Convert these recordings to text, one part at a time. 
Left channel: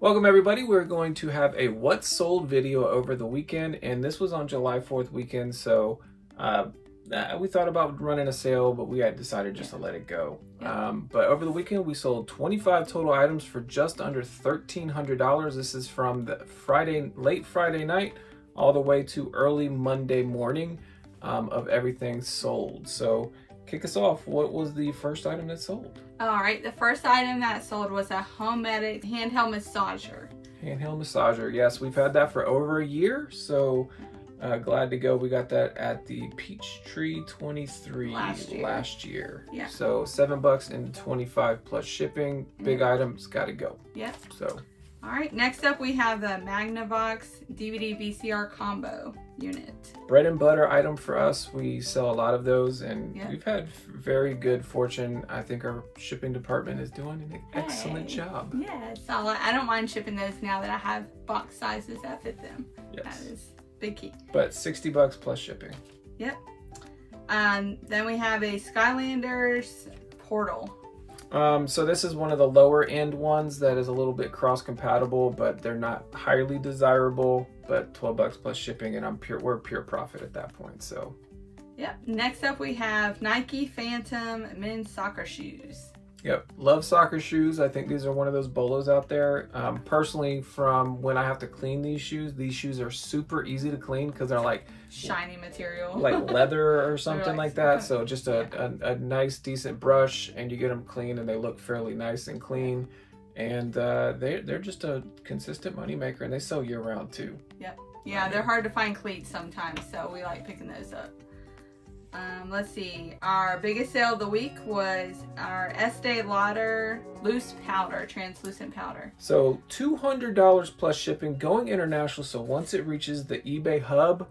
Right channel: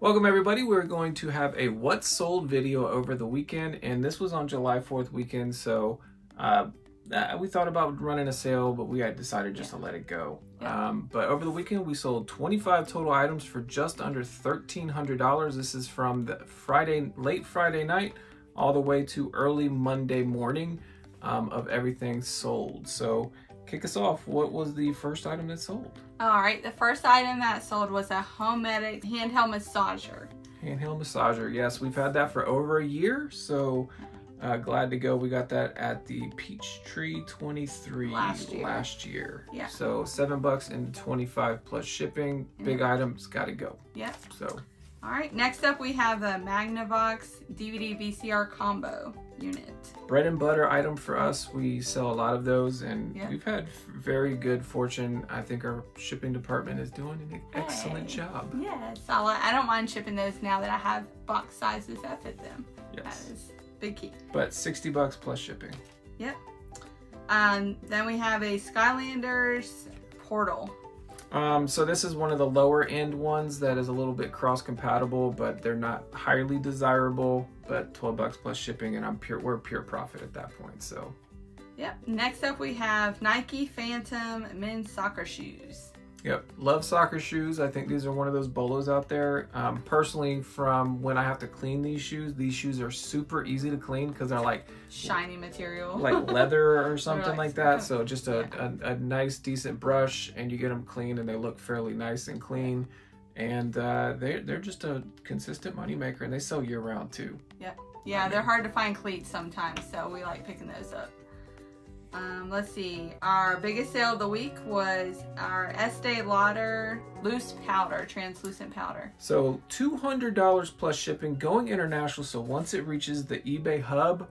Welcome everybody. We're going to have a what sold video over the weekend, and this was on July 4th weekend, so we thought about running a sale, but we had decided just to let it go. But over the weekend we sold 25 total items for just under $1,300. This is from the late Friday night all the way to early Monday morning of everything sold. So kick us off. What was the first item that sold? All right, the first item that sold was a Homemedic handheld massager. Handheld massager, yes, we've had that for over a year, so glad to go. We got that at the Peachtree 23 last year. Yeah. So $7 and 25 plus shipping. Big items, gotta go. Yep. So. All right, next up we have the Magnavox DVD VCR combo unit. Bread and butter item for us. We sell a lot of those, and we've had very good fortune. I think our shipping department is doing an excellent job. Yes, I don't mind shipping those now that I have box sizes that fit them. Yes. That is big key. But $60 plus shipping. Yep. Then we have a Skylanders Portal. So this is one of the lower end ones that is a little bit cross compatible, but they're not highly desirable, but $12 plus shipping, and we're pure profit at that point. So yep. Next up we have Nike Phantom men's soccer shoes. Yep, love soccer shoes. I think these are one of those bolos out there. Personally, from when I have to clean these shoes are super easy to clean because they're like shiny material, like leather or something like that. So just a nice, decent brush, and you get them clean, and they look fairly nice and clean. And they're just a consistent money maker, and they sell year round too. Yep. Yeah, they're hard to find cleats sometimes, so we like picking those up. Let's see, our biggest sale of the week was our Estee Lauder loose powder, translucent powder. So $200 plus shipping, going international. So once it reaches the eBay hub,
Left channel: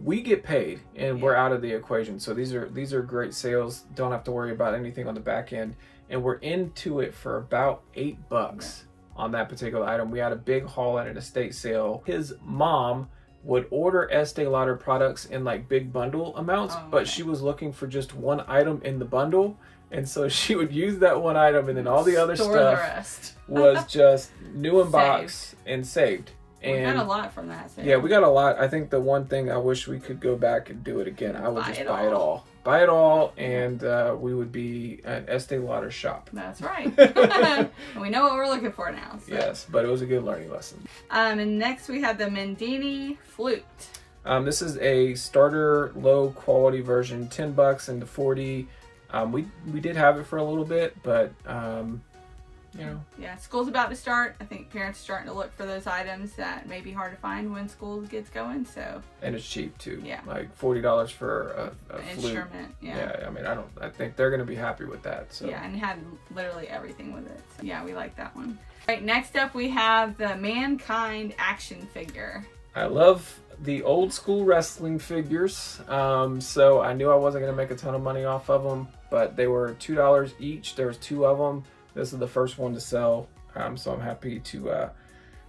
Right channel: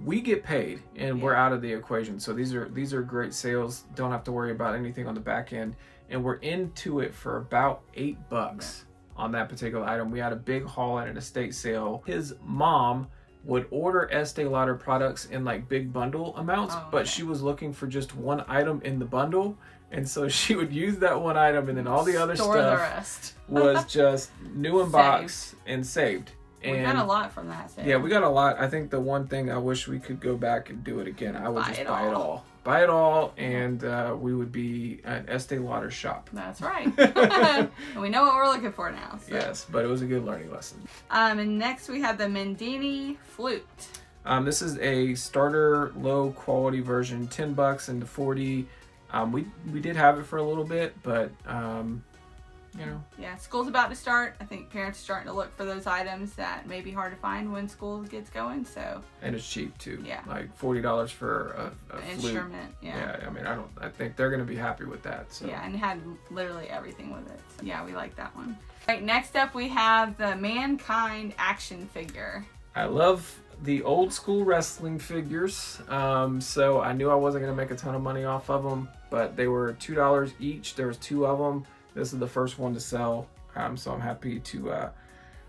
we get paid, and we're out of the equation. So these are great sales. Don't have to worry about anything on the back end, and we're into it for about $8 on that particular item. We had a big haul at an estate sale. His mom would order Estee Lauder products in like big bundle amounts, but she was looking for just one item in the bundle, and so she would use that one item, and then all the other stuff was just new in box and saved. And we got a lot from that sale. Yeah, we got a lot. I think the one thing I wish we could go back and do it again, I would just buy it all. Buy it all, and we would be an Estee Lauder shop. That's right. And we know what we're looking for now. So. Yes, but it was a good learning lesson. And next we have the Mendini Flute. This is a starter low quality version, $10 into $40. We did have it for a little bit, but you know. Yeah, school's about to start. I think parents are starting to look for those items that may be hard to find when school gets going. So. And it's cheap too. Yeah. Like $40 for a flute. Instrument. Yeah. Yeah. I mean, I think they're gonna be happy with that. So. Yeah, and it had literally everything with it. So yeah, we like that one. All right. Next up, we have the Mankind action figure. I love the old school wrestling figures. So I knew I wasn't gonna make a ton of money off of them, but they were $2 each. There's 2 of them. This is the first one to sell, so I'm happy to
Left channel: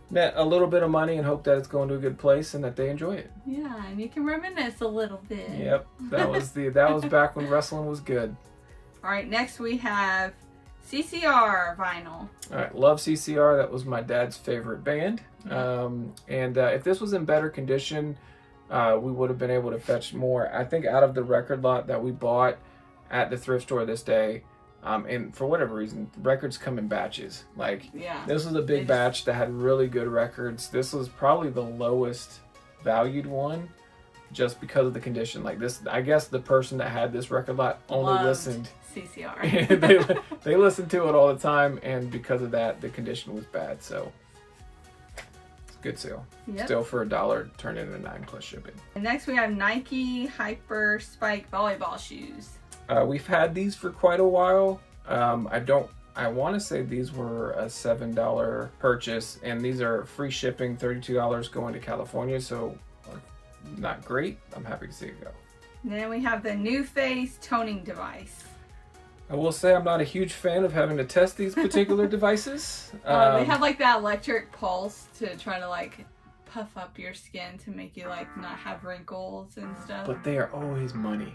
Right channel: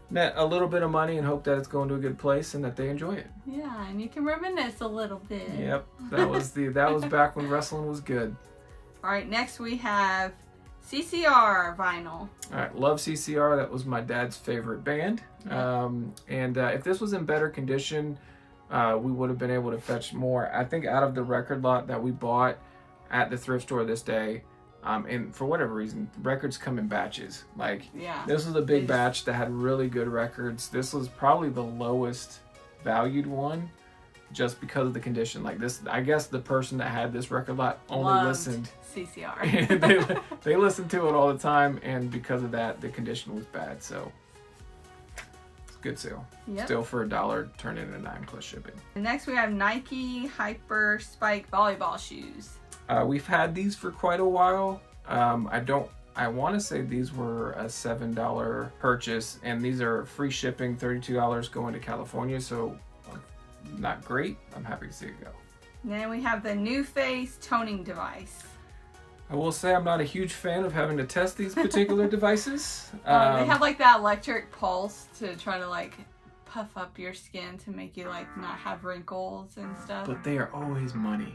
net a little bit of money and hope that it's going to a good place and that they enjoy it. Yeah, and you can reminisce a little bit. Yep, that was back when wrestling was good. All right, next we have CCR vinyl. All right, love CCR. That was my dad's favorite band. If this was in better condition, we would have been able to fetch more. I think out of the record lot that we bought at the thrift store this day, and for whatever reason, records come in batches. Like, this was a big batch that had really good records. This was probably the lowest valued one just because of the condition. Like this, I guess the person that had this record lot only listened CCR. they listened to it all the time, and because of that, the condition was bad. So it's a good sale. Still for $1, turn it into $9 plus shipping. And next we have Nike Hyper Spike volleyball shoes. We've had these for quite a while. I want to say these were a $7 purchase, and these are free shipping, $32 going to California, so not great. I'm happy to see it go. And then we have the New Face toning device. I will say I'm not a huge fan of having to test these particular devices. They have like that electric pulse to try to like puff up your skin to make you like not have wrinkles and stuff. But they are always money.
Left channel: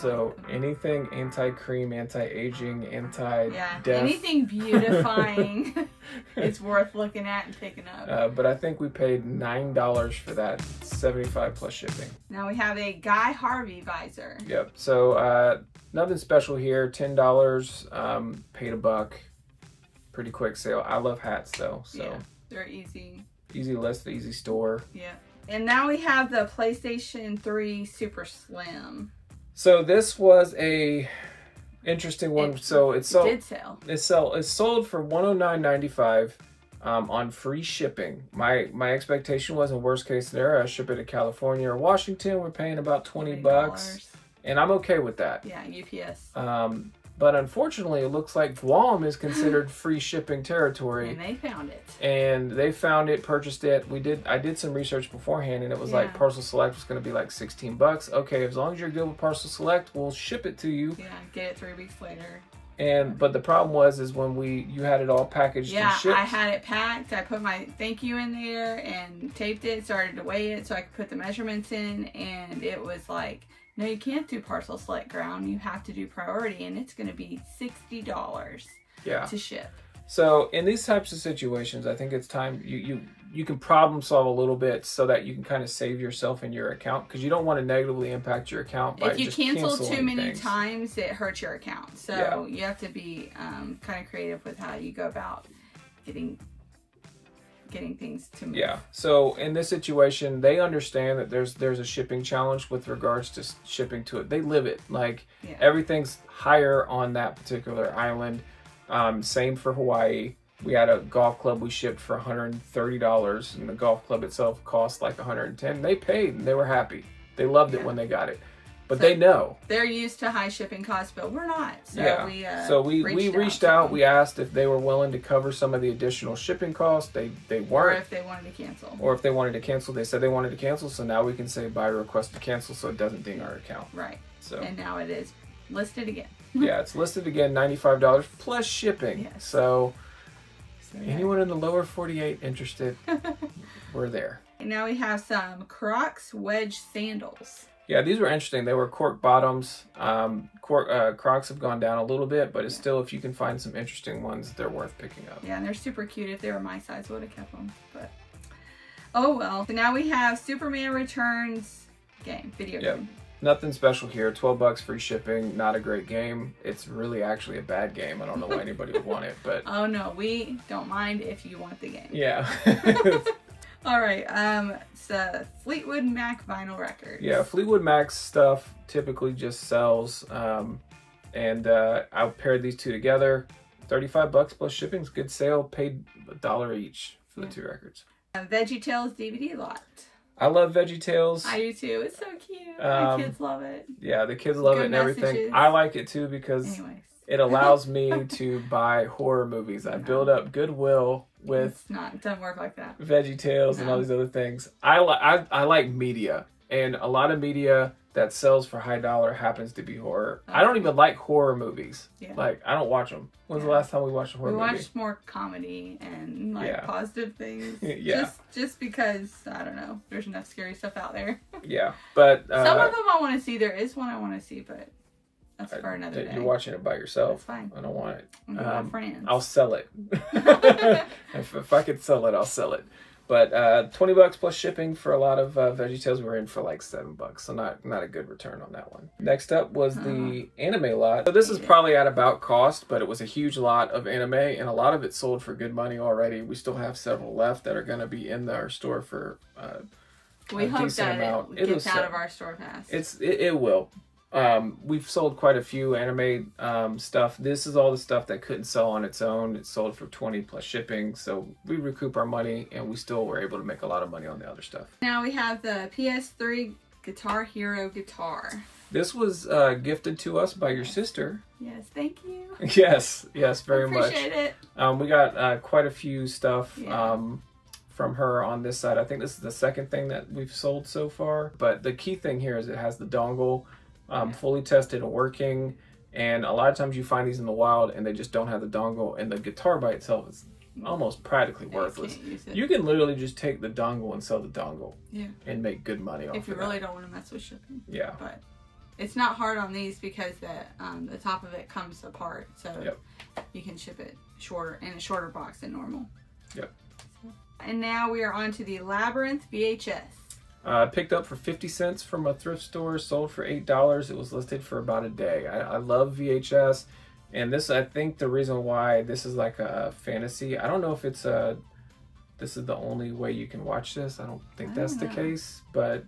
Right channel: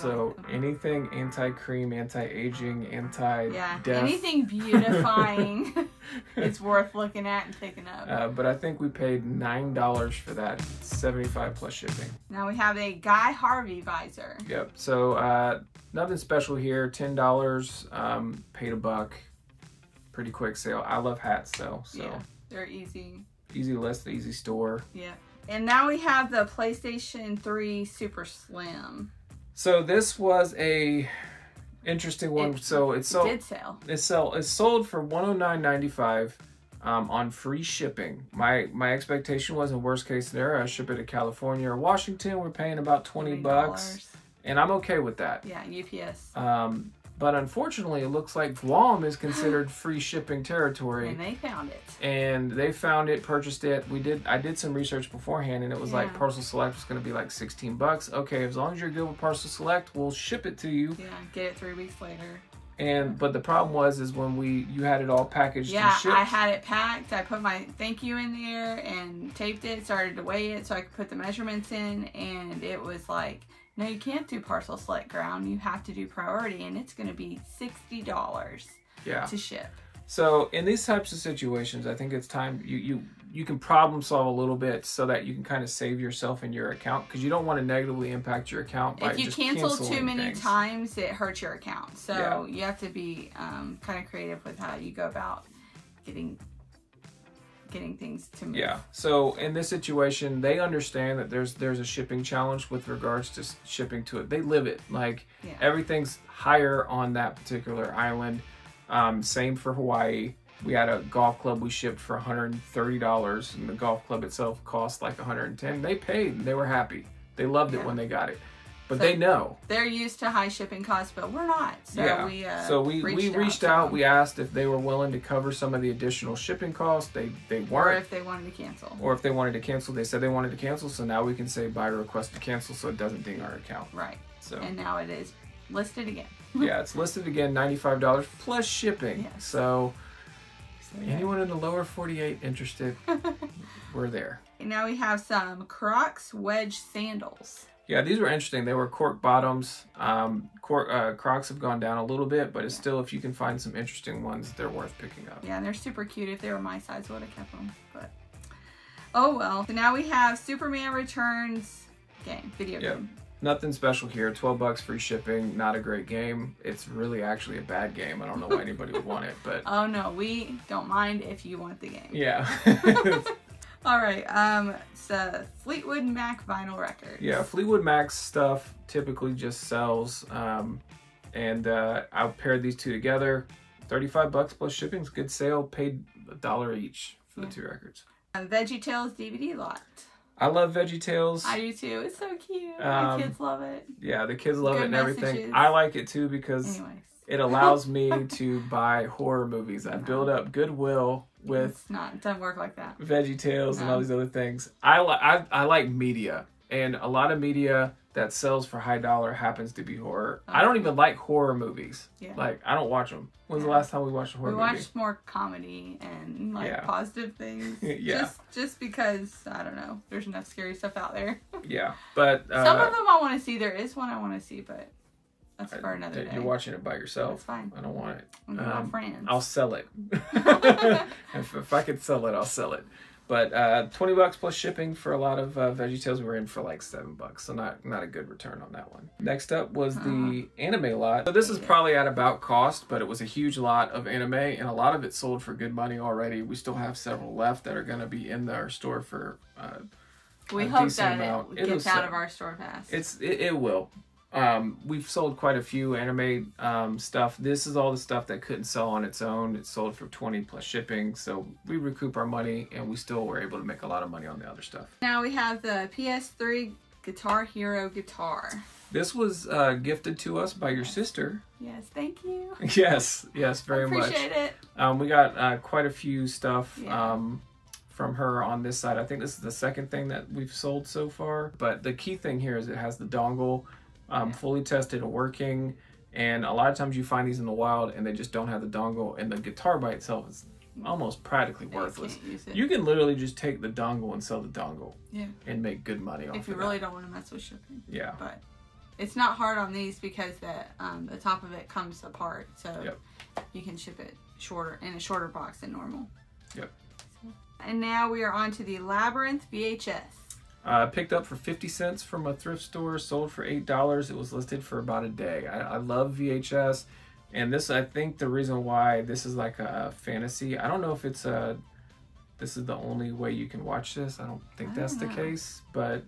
So anything anti-cream, anti-aging, anti-death. Anything beautifying is worth looking at and picking up. But I think we paid $9 for that, 75 plus shipping. Now we have a Guy Harvey visor. Yep. So nothing special here. $10. Paid $1. Pretty quick sale. I love hats though. So yeah, they're easy. Easy list, easy store. Yeah. And now we have the PlayStation 3 Super Slim. So this was a interesting one. It sold for $109.95 on free shipping. My expectation was, in worst case scenario, I ship it to California or Washington. We're paying about $20, and I'm okay with that. Yeah, UPS. But unfortunately, it looks like Guam is considered free shipping territory. And they found it. And they found it, purchased it. I did some research beforehand, and it was like Parcel Select was going to be like $16. Okay, as long as you're good with Parcel Select, we'll ship it to you. Yeah, get it 3 weeks later. But the problem was when you had it all packaged and shipped. I had it packed. I put my thank you in there and taped it, started to weigh it so I could put the measurements in, and it was like, no, you can't do Parcel Select Ground. You have to do Priority, and it's going to be $60 to ship. So in these types of situations, I think it's time you can problem solve a little bit so that you can kind of save yourself in your account, because you don't want to negatively impact your account by just canceling things. If you cancel too many times, it hurts your account. So you have to be kind of creative with how you go about getting things to move. Yeah. So in this situation, they understand that there's a shipping challenge with regards to shipping to it. They live it. Like everything's higher on that particular island. Same for Hawaii. We had a golf club we shipped for $130, and the golf club itself cost like $110. They paid and they were happy. They loved it when they got it. But they know. They're used to high shipping costs, but we're not. So we reached out. We asked if they were willing to cover some of the additional shipping costs. They weren't. Or if they wanted to cancel. They said they wanted to cancel. So now we can say buy request to cancel, so it doesn't ding our account. Right. So and now it is listed again. Yeah, it's listed again, $95 plus shipping. Yes. So anyone in the lower 48 interested, we're there. And now we have some Crocs wedge sandals. Yeah, these were interesting. They were cork bottoms. Crocs have gone down a little bit, but it's still, if you can find some interesting ones, they're worth picking up. Yeah, and they're super cute. If they were my size, I would have kept them. But oh well. So now we have Superman Returns video game. Nothing special here. $12 free shipping. Not a great game. It's really actually a bad game. I don't know why anybody would want it, but oh no, we don't mind if you want the game. Yeah. All right, so Fleetwood Mac vinyl records. Yeah, Fleetwood Mac stuff typically just sells, and I paired these two together. $35 plus shipping's good sale. Paid $1 each for the 2 records. VeggieTales DVD lot. I love VeggieTales. I do too. It's so cute. The kids love it. Yeah, the kids love it and everything. I like it too because it allows me to buy horror movies. I build up goodwill with it doesn't work like that. VeggieTales and all these other things. I like media, and a lot of media that sells for high dollar happens to be horror. I don't even like horror movies. Like, I don't watch them. When's the last time we watched a horror movie? We watched more comedy and positive things. Yeah. Just because, I don't know, there's enough scary stuff out there. Yeah, but some of them I want to see. There is one I want to see, but that's for another day. You're watching it by yourself. That's fine. I don't want it. My friends. I'll sell it. if I could sell it, I'll sell it. But $20 plus shipping for a lot of VeggieTales. We were in for like $7, so not a good return on that one. Next up was the anime lot. So this is probably at about cost, but it was a huge lot of anime, and a lot of it sold for good money already. We still have several left that are going to be in our store for we hope that it gets out of our store fast. It will. We've sold quite a few anime stuff. This is all the stuff that couldn't sell on its own. It sold for $20 plus shipping, so we recoup our money, and we still were able to make a lot of money on the other stuff. Now we have the PS3 Guitar Hero guitar. This was gifted to us by your sister. Yes, thank you. Yes, very much. Appreciate it. We got quite a few stuff from her on this side. I think this is the second thing that we've sold so far, but the key thing here is it has the dongle. Fully tested and working, and a lot of times you find these in the wild and they just don't have the dongle, and the guitar by itself is almost practically worthless. Can't use it. You can literally just take the dongle and sell the dongle. Yeah. And make good money off if you of really that. don't want to mess with shipping. Yeah. But it's not hard on these because the top of it comes apart, so you can ship it shorter in a shorter box than normal. Yep. So, and now we are on to the Labyrinth VHS. Picked up for 50 cents from a thrift store, sold for $8. It was listed for about a day. I love VHS, and this, I think the reason why this is like a fantasy, I don't know if it's this is the only way you can watch this. I don't think that's the case, but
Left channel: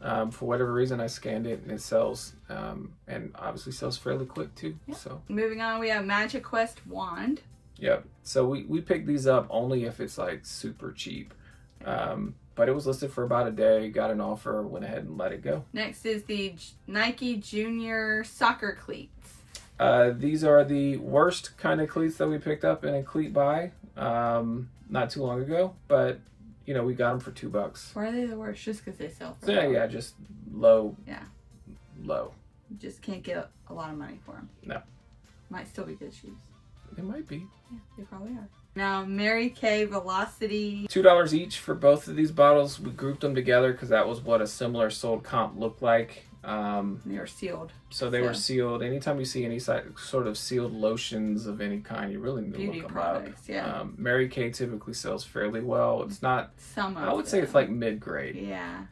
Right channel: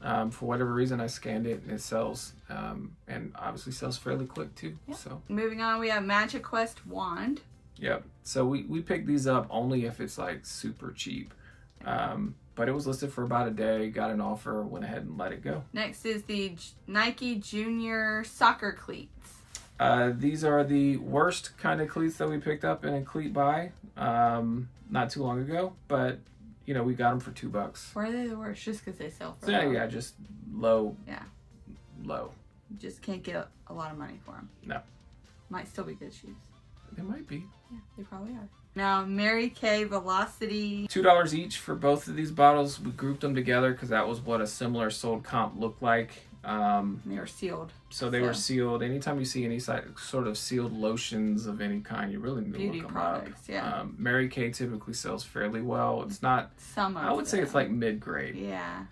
for whatever reason I scanned it and it sells, and obviously sells fairly quick too. So moving on, we have Magiquest wand. Yep. So we picked these up only if it's like super cheap. But it was listed for about a day, got an offer, went ahead and let it go. Next is the Nike Junior soccer cleats. These are the worst kind of cleats that we picked up in a cleat buy not too long ago, but you know, we got them for $2. Why are they the worst? Just because they sell for so, low? Yeah, just low. Yeah. Low. You just can't get a lot of money for them. No. Might still be good shoes. They might be. Yeah, they probably are. Now, Mary Kay Velocity. $2 each for both of these bottles. We grouped them together because that was what a similar sold comp looked like. They were sealed. So they were sealed. Anytime you see any sort of sealed lotions of any kind, you really need to look them products, up. Yeah. Mary Kay typically sells fairly well. It's not, I would say it's like mid-grade. Yeah.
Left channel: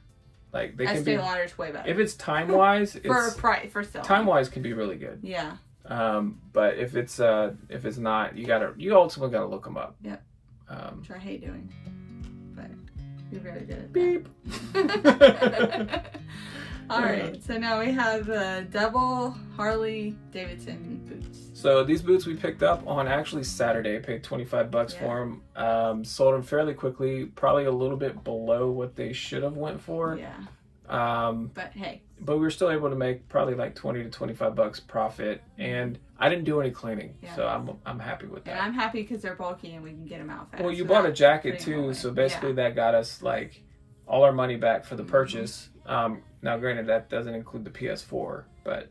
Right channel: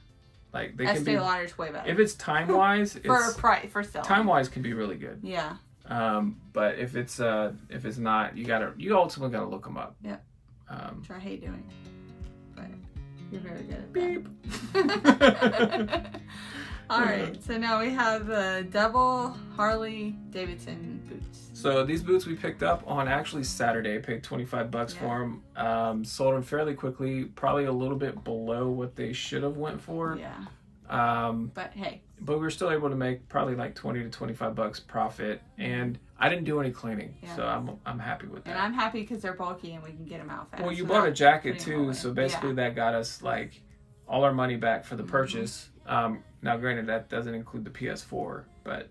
Like they can be, Lauder's way better. if it's time-wise, for a price, for selling. Time-wise can be really good. Yeah. But if it's not, you ultimately gotta look them up. Yep. Which I hate doing, but you're very good at beep. that. All right, so now we have the double Harley Davidson boots. So these boots we picked up on actually Saturday. Paid $25 for them. Sold them fairly quickly. Probably a little bit below what they should have went for. Yeah. But hey. But we were still able to make probably like $20 to $25 profit, and I didn't do any cleaning, so I'm happy with that. And I'm happy because they're bulky and we can get them out fast. Well, you bought a jacket too, so basically that got us like all our money back for the purchase. Now, granted, that doesn't include the PS4, but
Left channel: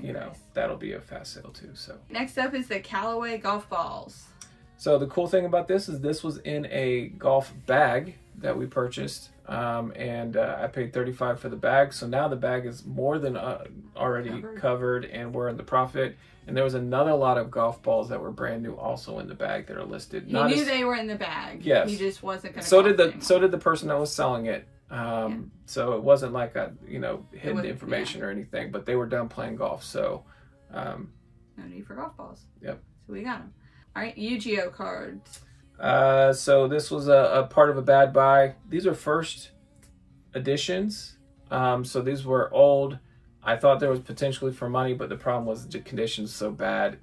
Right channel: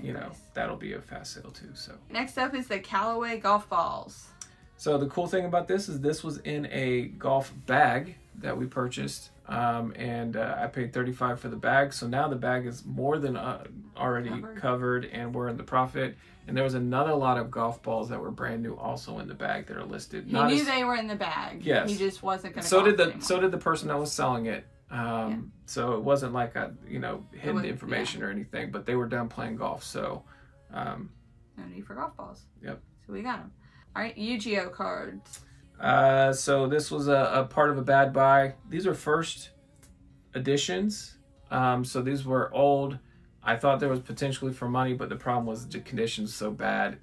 you know, that'll be a fast sale too. So next up is the Callaway golf balls. So the cool thing about this is this was in a golf bag that we purchased, and I paid $35 for the bag. So now the bag is more than already covered, and we're in the profit. And there was another lot of golf balls that were brand new also in the bag that are listed. He knew they were in the bag. Yes. He just wasn't going to. So did the person that was selling it. So it wasn't like a hidden information or anything, but they were done playing golf. So no need for golf balls. Yep. So we got them. All right, Yu-Gi-Oh cards. So this was a part of a bad buy. These are first editions. So these were old. I thought there was potentially for money, but the problem was the conditions so bad.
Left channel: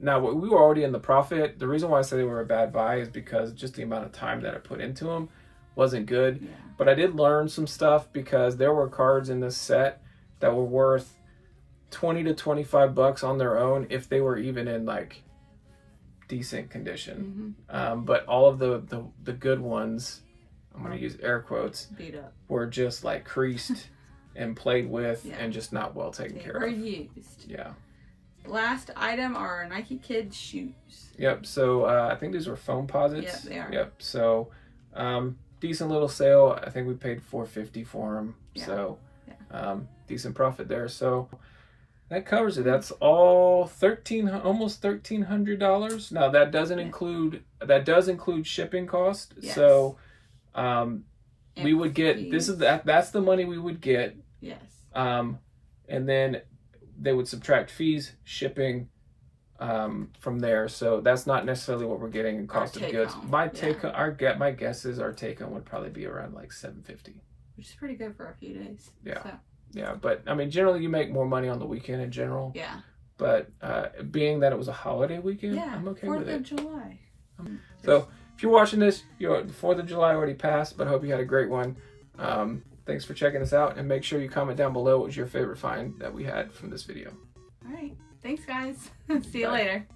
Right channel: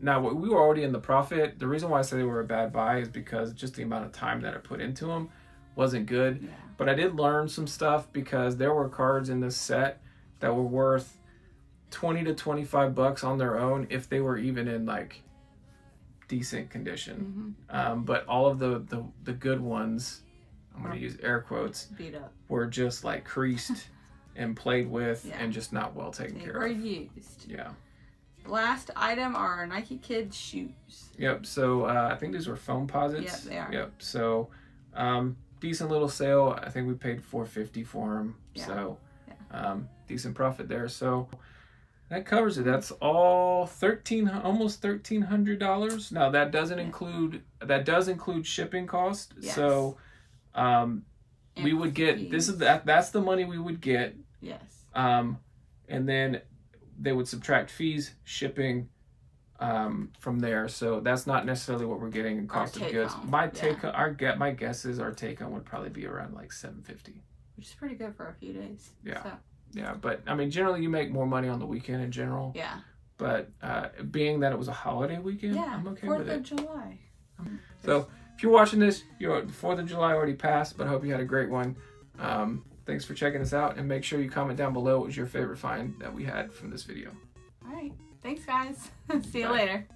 Now we were already in the profit. The reason why I say they were a bad buy is because just the amount of time that I put into them wasn't good. Yeah. But I did learn some stuff because there were cards in this set that were worth $20 to $25 on their own if they were even in like decent condition. But all of the good ones, I'm going to use air quotes, beat up, were just like creased and played with and just not well taken care of. Used. Yeah. Last item are Nike Kids shoes. Yep. So I think these were foam posits. Yep, they are. Yep. So decent little sale. I think we paid $4.50 for them. Yeah. So decent profit there. So that covers it. That's all almost $1,300. Now that doesn't include shipping cost. Yes. So we would get that's the money we would get. Yes. And then they would subtract fees, shipping from there. So that's not necessarily what we're getting in cost of goods. My guess is our take home would probably be around like $7.50. Which is pretty good for a few days. Yeah. So. Yeah, but I mean, generally you make more money on the weekend in general. Yeah. But being that it was a holiday weekend, I'm okay with it. 4th of July. So if you're watching this, the 4th of July already passed, but I hope you had a great one. Thanks for checking us out, and make sure you comment down below what was your favorite find that we had from this video. All right. Thanks, guys. See you later.